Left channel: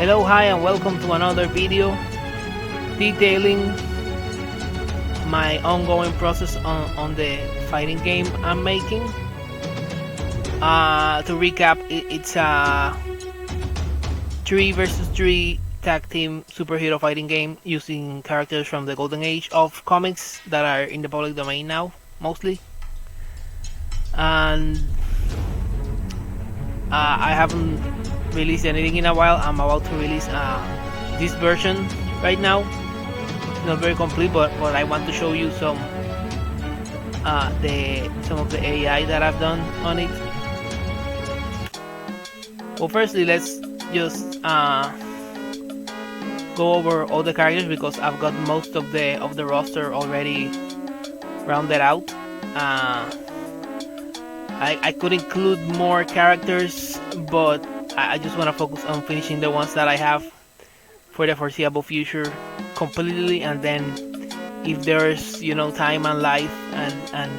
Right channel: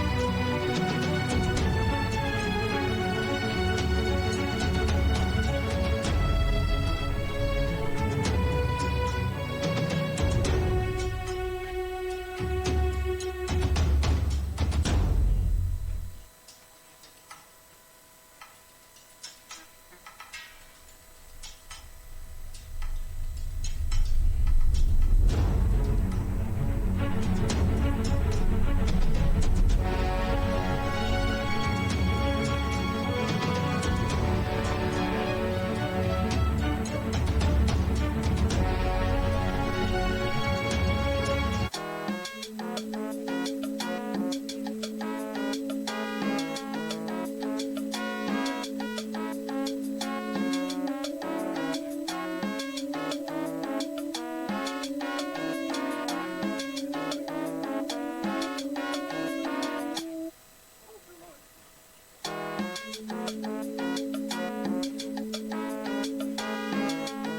Hello, hi, and welcome to another video detailing my ongoing process on the fighting game I'm making. To recap, it's a 3 versus 3 tag team superhero fighting game using characters from the golden age of comics that are in the public domain now, mostly. And I haven't released anything in a while. I'm about to release this version right now. It's not very complete, but I want to show you some of the AI that I've done on it. Well, firstly, let's just go over all the characters because I've got most of the roster already rounded out. I could include more characters, but I just want to focus on finishing the ones that I have for the foreseeable future completely, and then if there's time and life and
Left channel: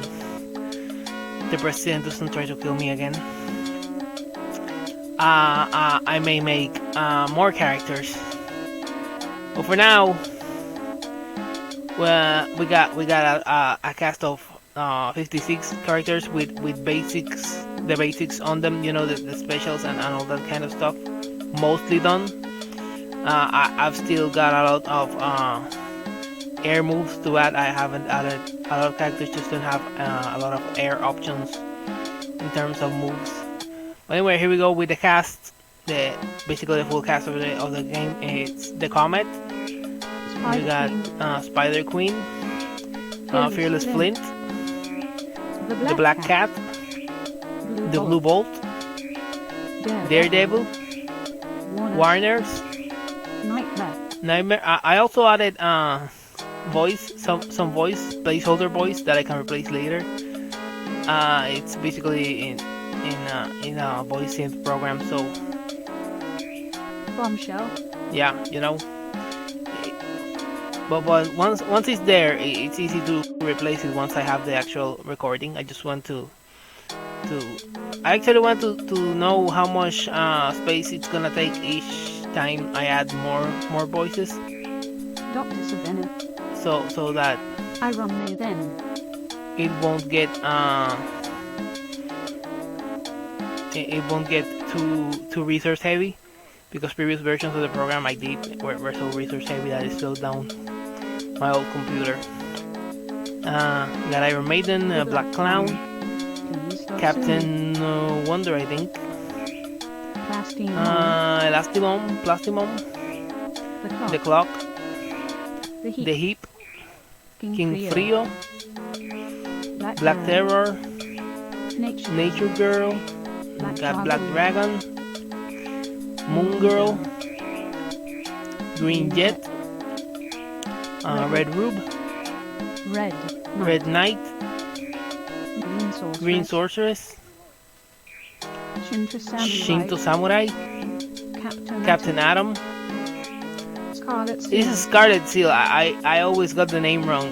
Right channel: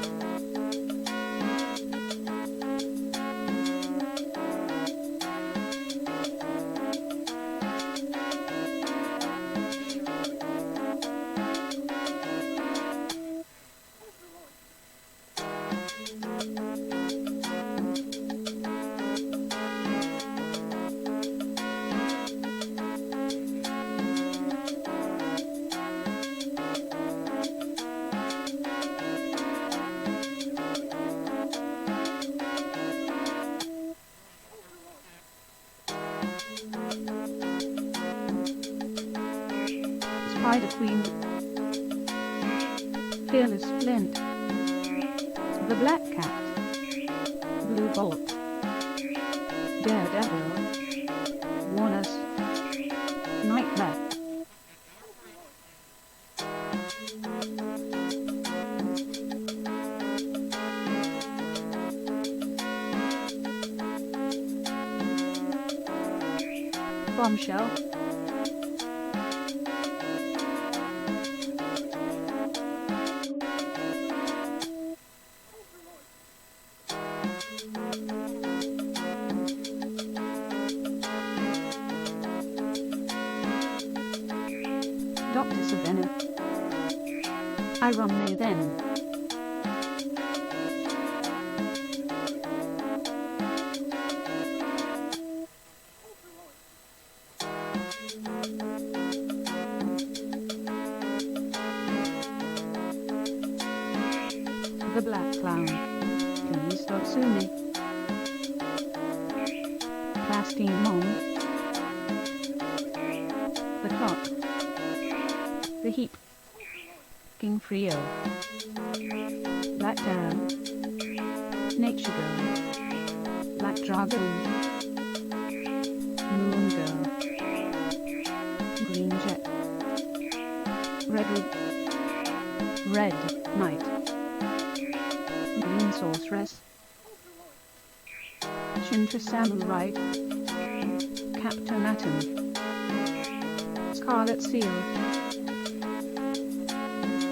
the president doesn't try to kill me again, I may make more characters. But for now, well, we got a cast of 56 characters with the basics on them, the specials and all that kind of stuff, mostly done. I've still got a lot of air moves to add. I haven't added a lot of characters, just don't have a lot of air options in terms of moves. But anyway, here we go with the cast. Basically the full cast of the game. It's the Comet. We got Spider Queen, Fearless Flint, the Black Cat, the Blue Bolt, Daredevil, Warner's, Nightmare. I also added voice, some voice, placeholder voice that I can replace later. It's basically in a voice synth program, so Bombshell. yeah, But once it's there, it's easy to replace it once I have the actual recording. I just want I actually want to know how much space it's gonna take each time I add more voices. Dr. Savannah. So that I run me then. It won't get too resource heavy, because previous versions of the program I did were so resource heavy that it slowed down my old computer. We got Iron Maiden, Black Clown, Captain Wonder, I think. Plastimon, the Clock, the Heap, King Frio, Black Terror, Nature Girl, Black Dragon, Moon Girl, Green Jet, Red Rube, Red Knight, Green Sorceress, Shinto Samurai, Captain Atom. Scarlet Seal. This is Scarlet Seal. I always got the name wrong.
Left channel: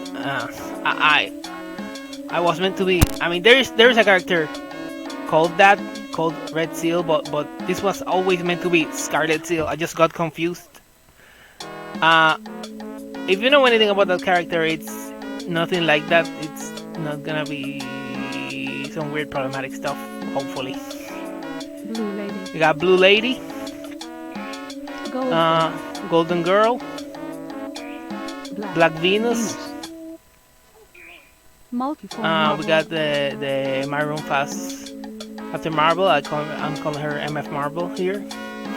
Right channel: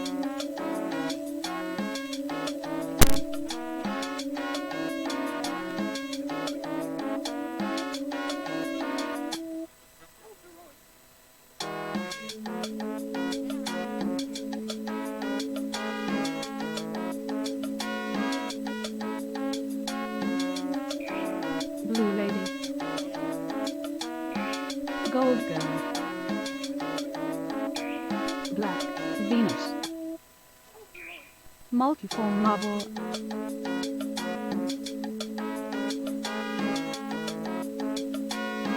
I was meant to be. I mean, there's a character called Red Seal, but this was always meant to be Scarlet Seal. I just got confused. If you know anything about that character, it's nothing like that. It's not gonna be some weird problematic stuff, hopefully. Blue Lady. We got Blue Lady, Golden Girl, Black Venus. Multiform we got the Maroon Fast Captain Marvel. I'm calling her MF Marvel here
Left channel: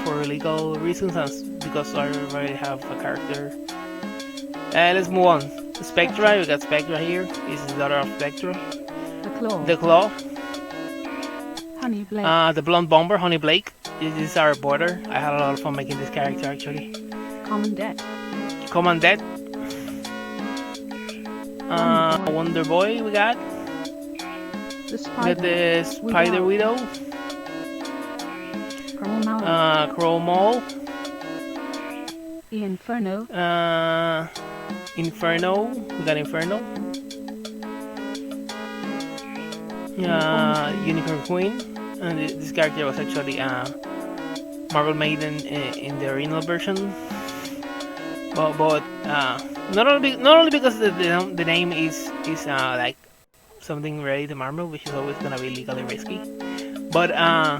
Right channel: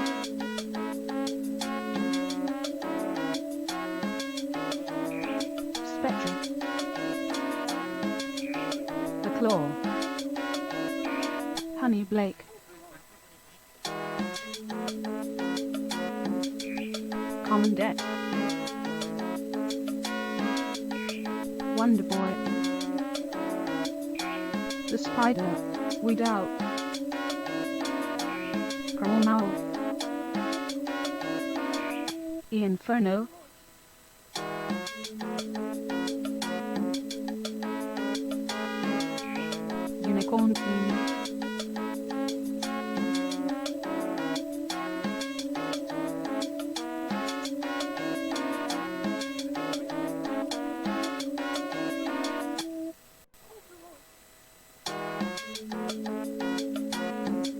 for legal reasons, because I already have a character. Let's move on. Spectra. We got Spectra here. This is the daughter of Spectra. The Claw. Honey Blake. The Blonde Bomber, Honey Blake. This is our border. I had a lot of fun making this character, actually. Commandant. Wonder Boy, we got. The Spider Widow. Crow Maul. Inferno. Inferno. We got Inferno. Unicorn Queen. And this character was actually Marvel made in the original version. But not only because the name is like something related to Marvel, which is always gonna be legally risky, but I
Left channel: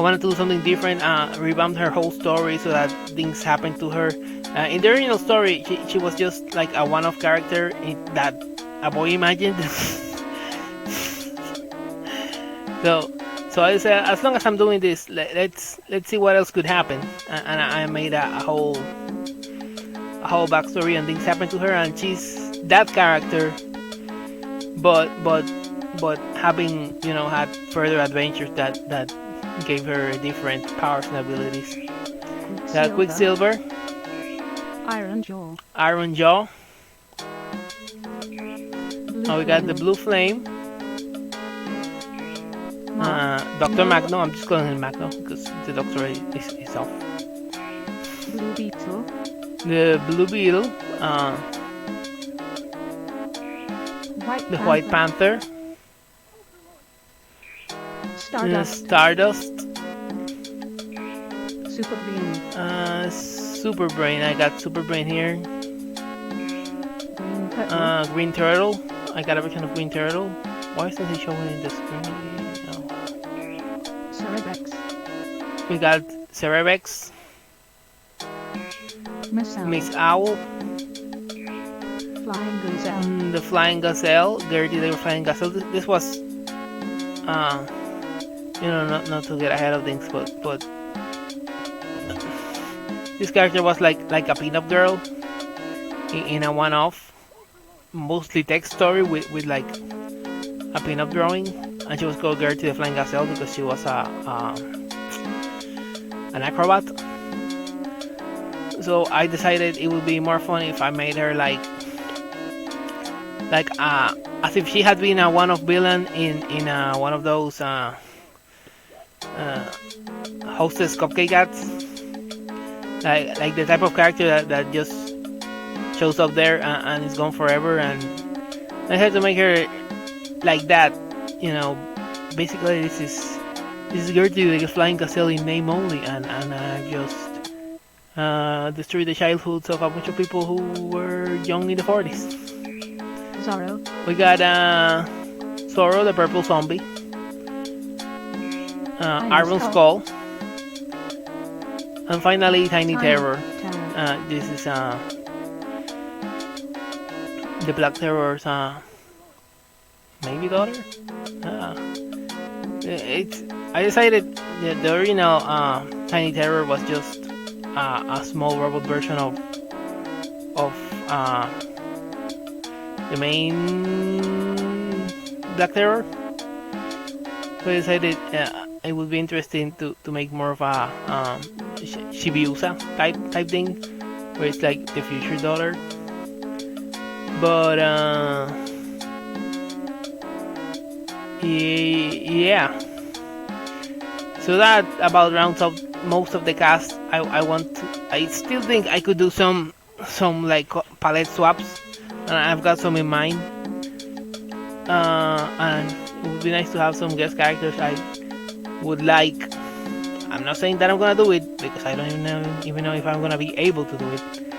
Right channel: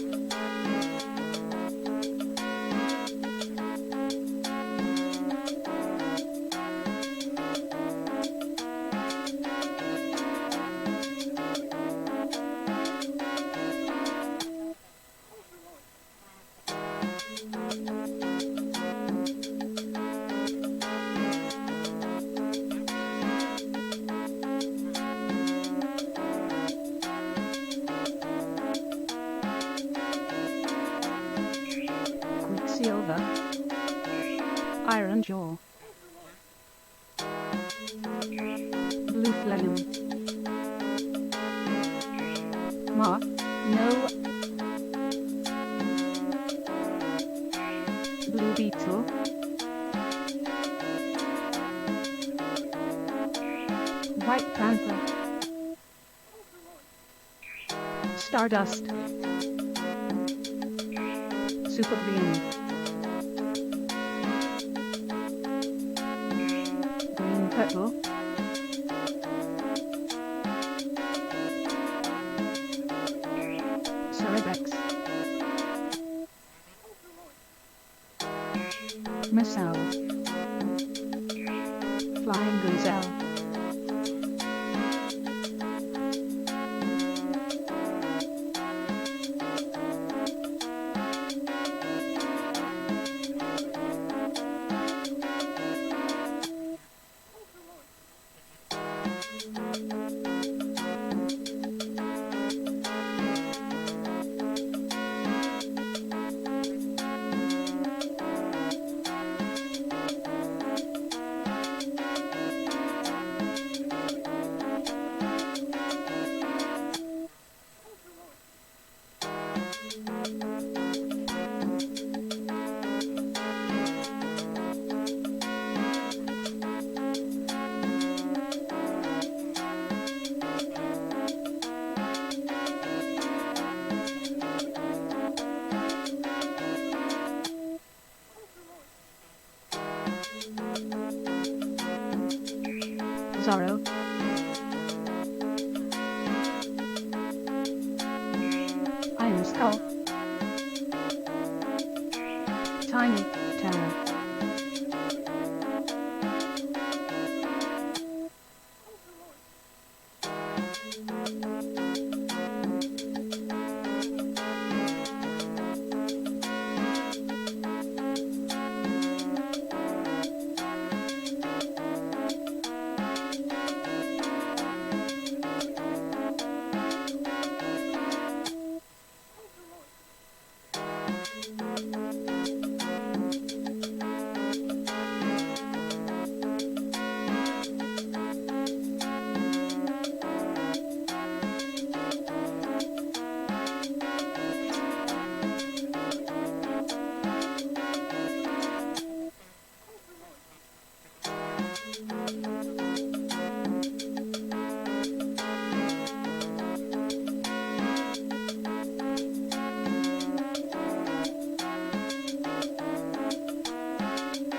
wanted to do something different, revamp her whole story so that things happen to her. In the original story, she was just like a one-off character that a boy imagined. So I said, as long as I'm doing this, let's see what else could happen. And I made a whole backstory and things happen to her, and she's that character, but having had further adventures that gave her different powers and abilities. Quicksilver, Iron Jaw. Iron Jaw. Now we got the Blue Flame. Dr. Magno. I'm just calling him Magno because the doctor is off. Blue Beetle. The Blue Beetle. White Panther. Stardust. Stardust. Super Brain. Super Brain. I got Super Brain here. Green Turtle. Green Turtle. I got a version of Green Turtle. Why isn't he showing in the screen? Cerebex. We got Cerebex. Miss Owl. Flying Gazelle. The Flying Gazelle. Gertie the Flying Gazelle. This was, not to get ahead of things, but this character was like a pinup girl in a one-off, mostly text story with like a pinup drawing, and she was called Gertie the Flying Gazelle because she was an acrobat. So I decided it would be more fun if I made her like as if she had been a one-off villain in one of those Hostess cupcake ads, like the type of character that just shows up there and is gone forever, and I had to make her like that. Basically this is Gertie the Flying Gazelle in name only, and just destroy the childhoods of a bunch of people who were young in the 40s. Zorro. We got Zorro, the purple zombie. Iron Skull. And finally, Tiny Terror. This is the Black Terror's maybe daughter. I decided the original Tiny Terror was just a small robot version of the main Black Terror. So I decided it would be interesting to make more of a Shibiusa type thing, where it's like the future dollar. But yeah. So that about rounds up most of the cast. I still think I could do some like palette swaps, and I've got some in mind. And it would be nice to have some guest characters I would like. I'm not saying that I'm gonna do it because I don't even know if I'm gonna be able to do it.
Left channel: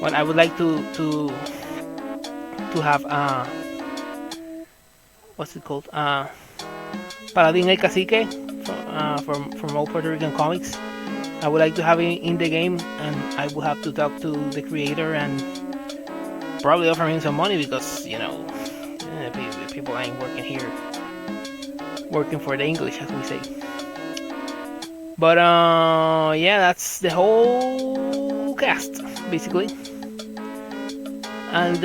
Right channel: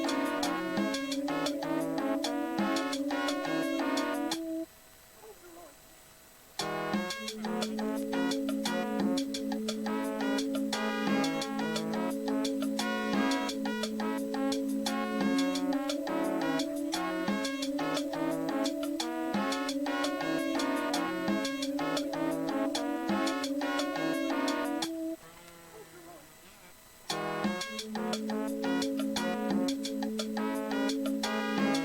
But I would like to have what's it called? Paladin El Cacique from Old Puerto Rican Comics. I would like to have it in the game, and I will have to talk to the creator and probably offer him some money because people ain't working here, working for the English, as we say. But yeah, that's the whole cast basically, and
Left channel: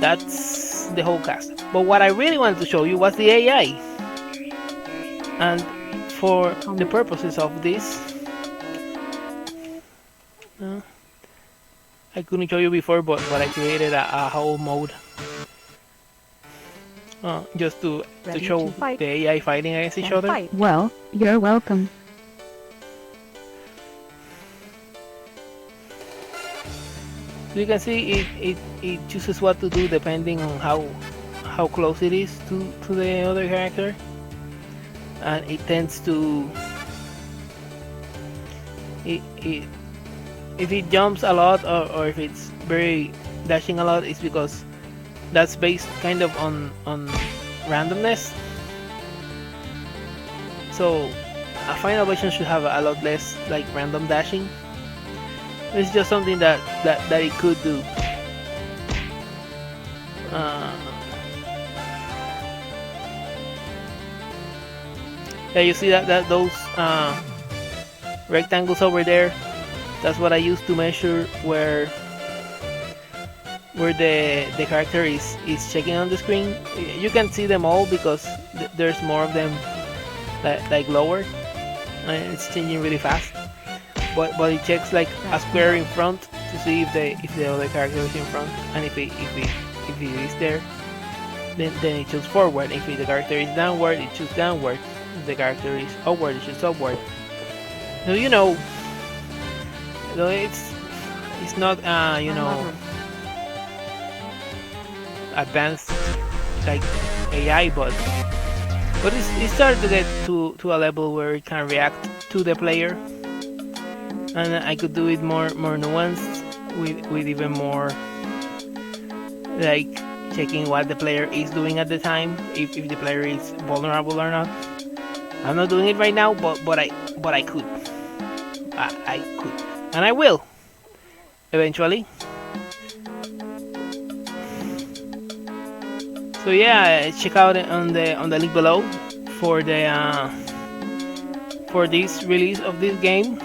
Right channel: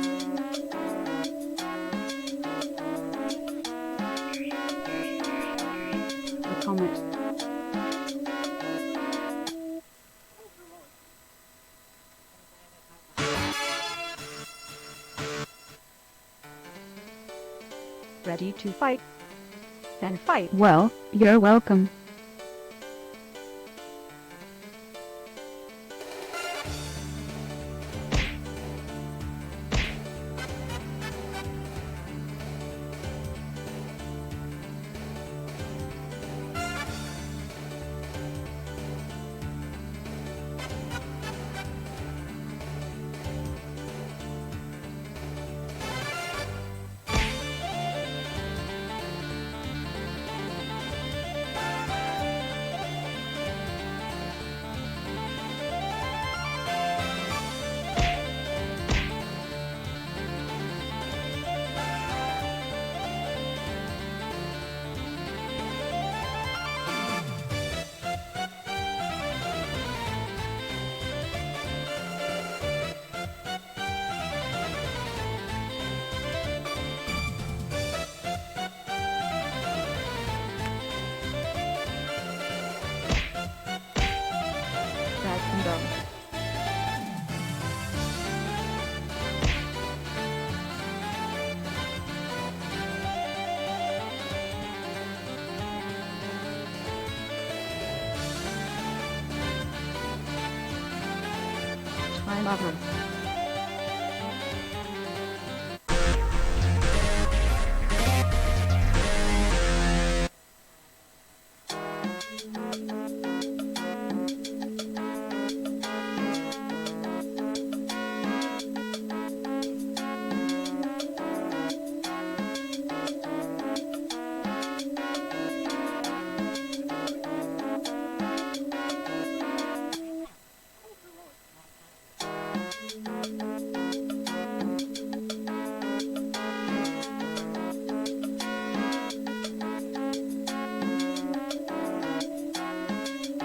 that's the whole cast. But what I really wanted to show you was the AI, and for the purposes of this, I couldn't show you before, but I created a whole mode just to show the AI fighting against each other. Well, you're welcome. So you can see it chooses what to do depending on how close it is to the other character. and it tends to it if it jumps a lot, or if it's very dashing a lot, it's because that's based kind of on randomness. So a final version should have a lot less like random dashing. It's just something that it could do. Uh, yeah, you see that those rectangles over there. That's what I use to measure where the character is checking on the screen. You can see them all because there's more of them like lower. It's changing really fast. But it checks like a square in front to see if the other character is in front, and if he is there, then it chooses forward. If the character is downward, it chooses downward. If the character is upward, it chooses upward. So so it's not advanced like AI, but it started to get to a level where it can react to the player, and I could do it more nuanced with even more like checking what the player is doing at the time, if the player is vulnerable or not. I'm not doing it right now, but I could. I could, and I will eventually. So yeah, check out on the link below for the for this release of this game.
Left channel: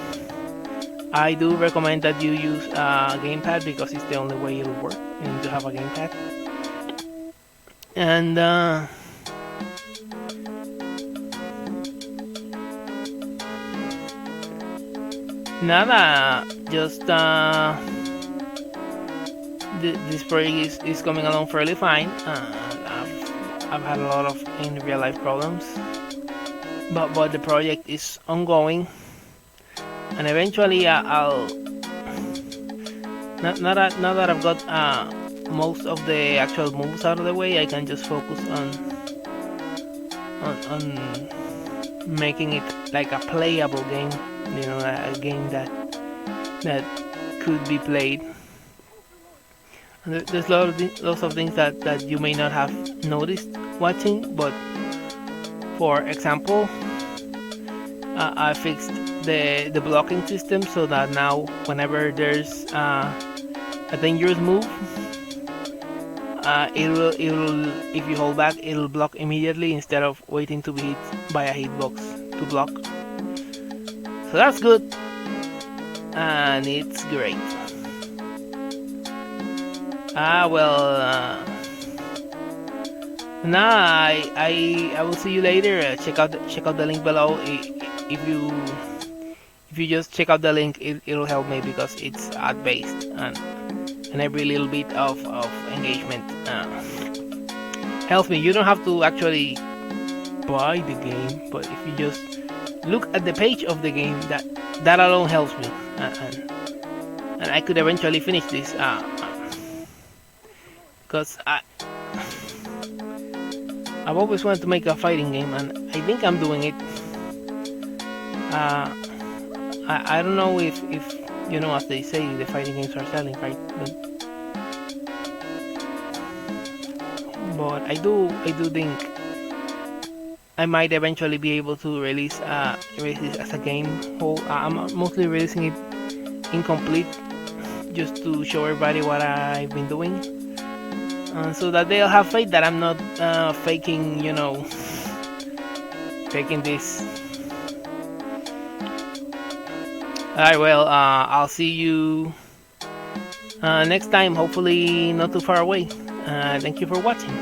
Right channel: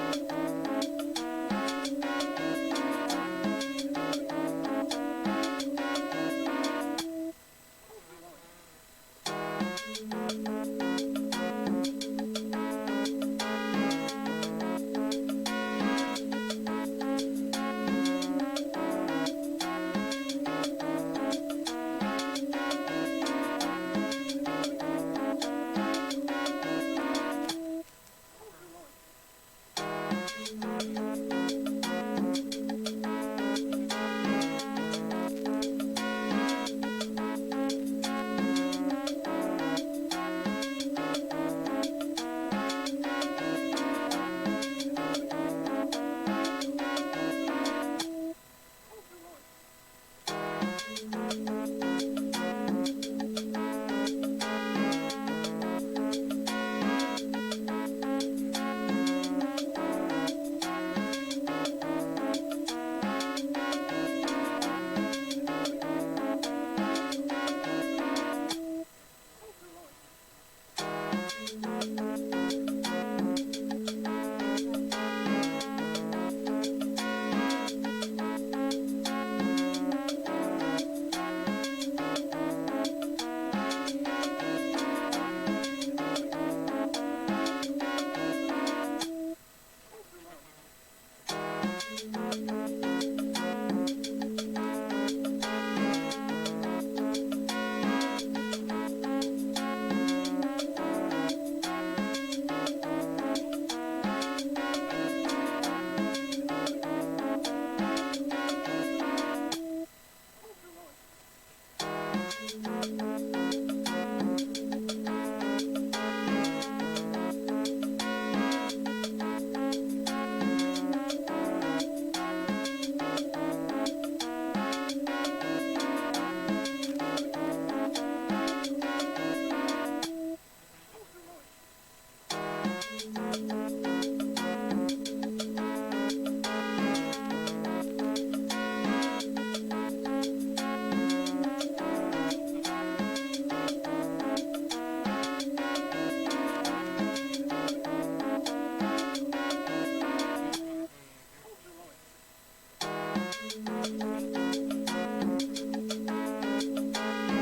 I do recommend that you use a gamepad because it's the only way it'll work. You need to have a gamepad. And nada, just this project is coming along fairly fine. I've had a lot of in real life problems, but the project is ongoing, and eventually I'll now that I've got most of the actual moves out of the way, I can just focus on making it like a playable game, a game that could be played. There's lots of things that you may not have noticed watching, but for example, I fixed the blocking system so that now whenever there's a dangerous move, it'll if you hold back, it'll block immediately instead of waiting to be hit by a hitbox to block. So that's good, and it's great. I will see you later. Check out the link below. If you just check out the link, it'll help me because it's ad based, and every little bit of engagement helps me. You don't have to actually buy the game, but if you just look at the page of the game, that alone helps me, and I could eventually finish this. Because I've always wanted to make a fighting game, and I think I'm doing it. I don't know if as they say, the fighting games are selling, right? But I do think I might eventually be able to release this as a game whole. I'm mostly releasing it incomplete, just to show everybody what I've been doing. So that they'll have faith that I'm not faking this. Alright, well, I'll see you next time, hopefully not too far away. Thank you for watching.